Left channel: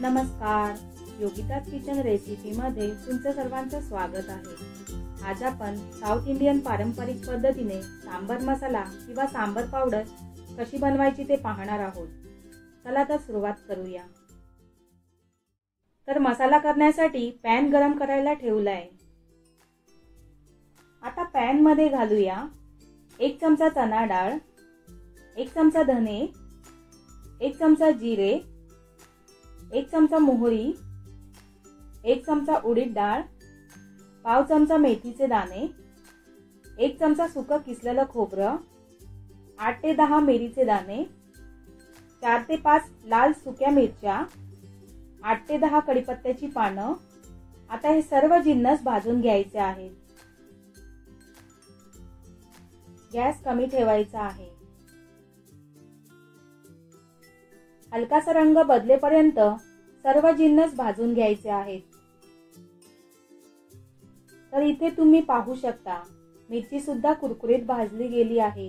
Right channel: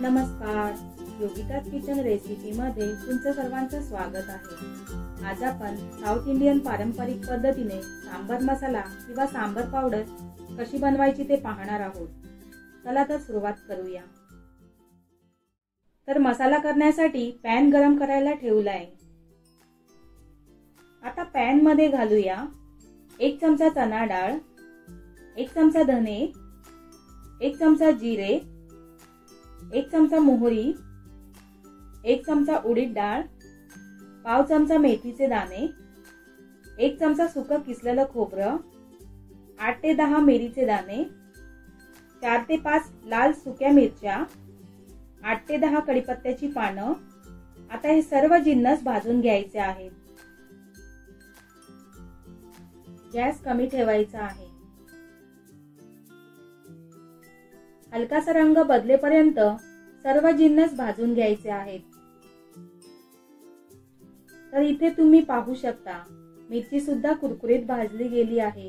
नमस्कार, Yogita's kitchen recipe मध्ये तुमचं सर्वांचं स्वागत आहे। आज आपण साऊथ इंडियन पारंपरिक पद्धतीने सांबर मसाला किंवा सांबर पावडर कशी बनवायची ते पाहणार आहोत। चला तर सुरुवात करूया। तर मसाला करण्यासाठी पॅन गरम करायला ठेवलाय। आता पॅन मध्ये घालूया 1 चमचा चणा डाळ, 1 चमचा धने, 1 चमचा जिरे, 1 चमचा मोहरी, 1 चमचा उडीद डाळ, पाव चमचा मेथीचे दाणे, 1 चमचा सुकं किसलेलं खोबरं, 8 ते 10 मिरीचे दाणे, 4 ते 5 लाल सुक्या मिरच्या, 8 ते 10 कढीपत्त्याची पानं। आता हे सर्व जिन्नस भाजून घ्यायचे आहेत। गॅस कमी ठेवायचा आहे। हलकासा रंग बदलेपर्यंत सर्व जिन्नस भाजून घ्यायचे आहेत। तर इथे तुम्ही पाहू शकता मिरची सुद्धा कुरकुरीत भाजली गेली आहे।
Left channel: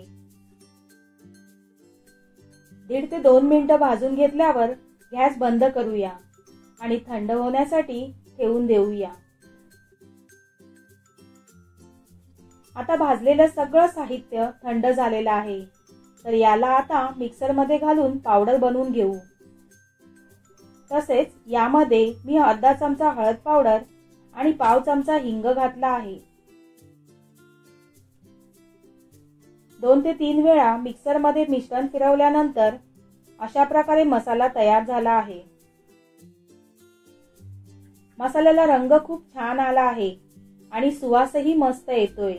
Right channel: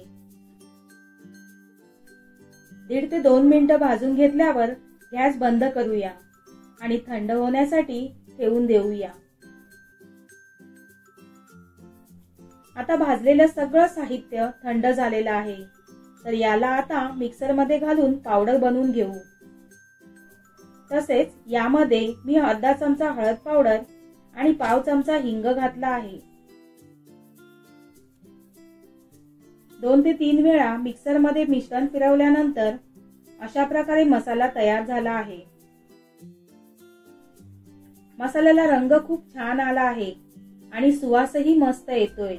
1.5 ते 2 मिनिटं भाजून घेतल्यावर गॅस बंद करूया आणि थंड होण्यासाठी ठेवून देऊया। आता भाजलेलं सगळं साहित्य थंड झालेलं आहे। तर याला आता मिक्सर मध्ये घालून पावडर बनवून घेऊ। तसेच यामध्ये मी अर्धा चमचा हळद पावडर आणि पाव चमचा हिंग घातला आहे। 2 ते 3 वेळा मिक्सर मध्ये मिश्रण फिरवल्यानंतर अशा प्रकारे मसाला तयार झाला आहे। मसाल्याला रंग खूप छान आला आहे आणि सुवासही मस्त येतोय।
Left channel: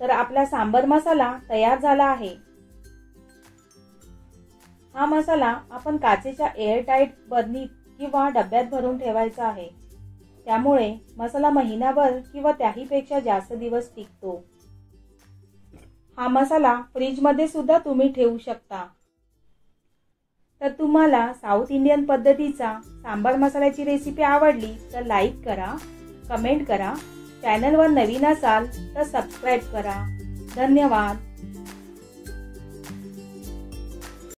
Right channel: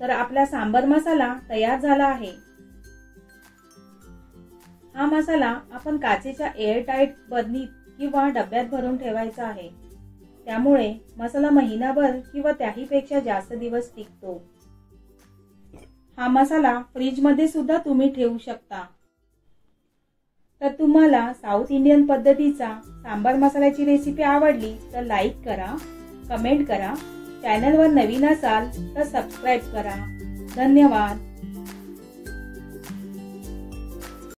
तर आपला सांबर मसाला तयार झाला आहे। हा मसाला आपण काचेच्या एअरटाइट बरणीत किंवा डब्यात भरून ठेवायचा आहे। त्यामुळे मसाला महिनाभर किंवा त्याहीपेक्षा जास्त दिवस टिकतो। हा मसाला फ्रीज मध्ये सुद्धा तुम्ही ठेवू शकता। तर तुम्हाला साऊथ इंडियन पद्धतीचा सांबर मसाल्याची रेसिपी आवडली तर लाईक करा, कमेंट करा। चॅनलवर नवीन असाल तर सबस्क्राइब करा। धन्यवाद।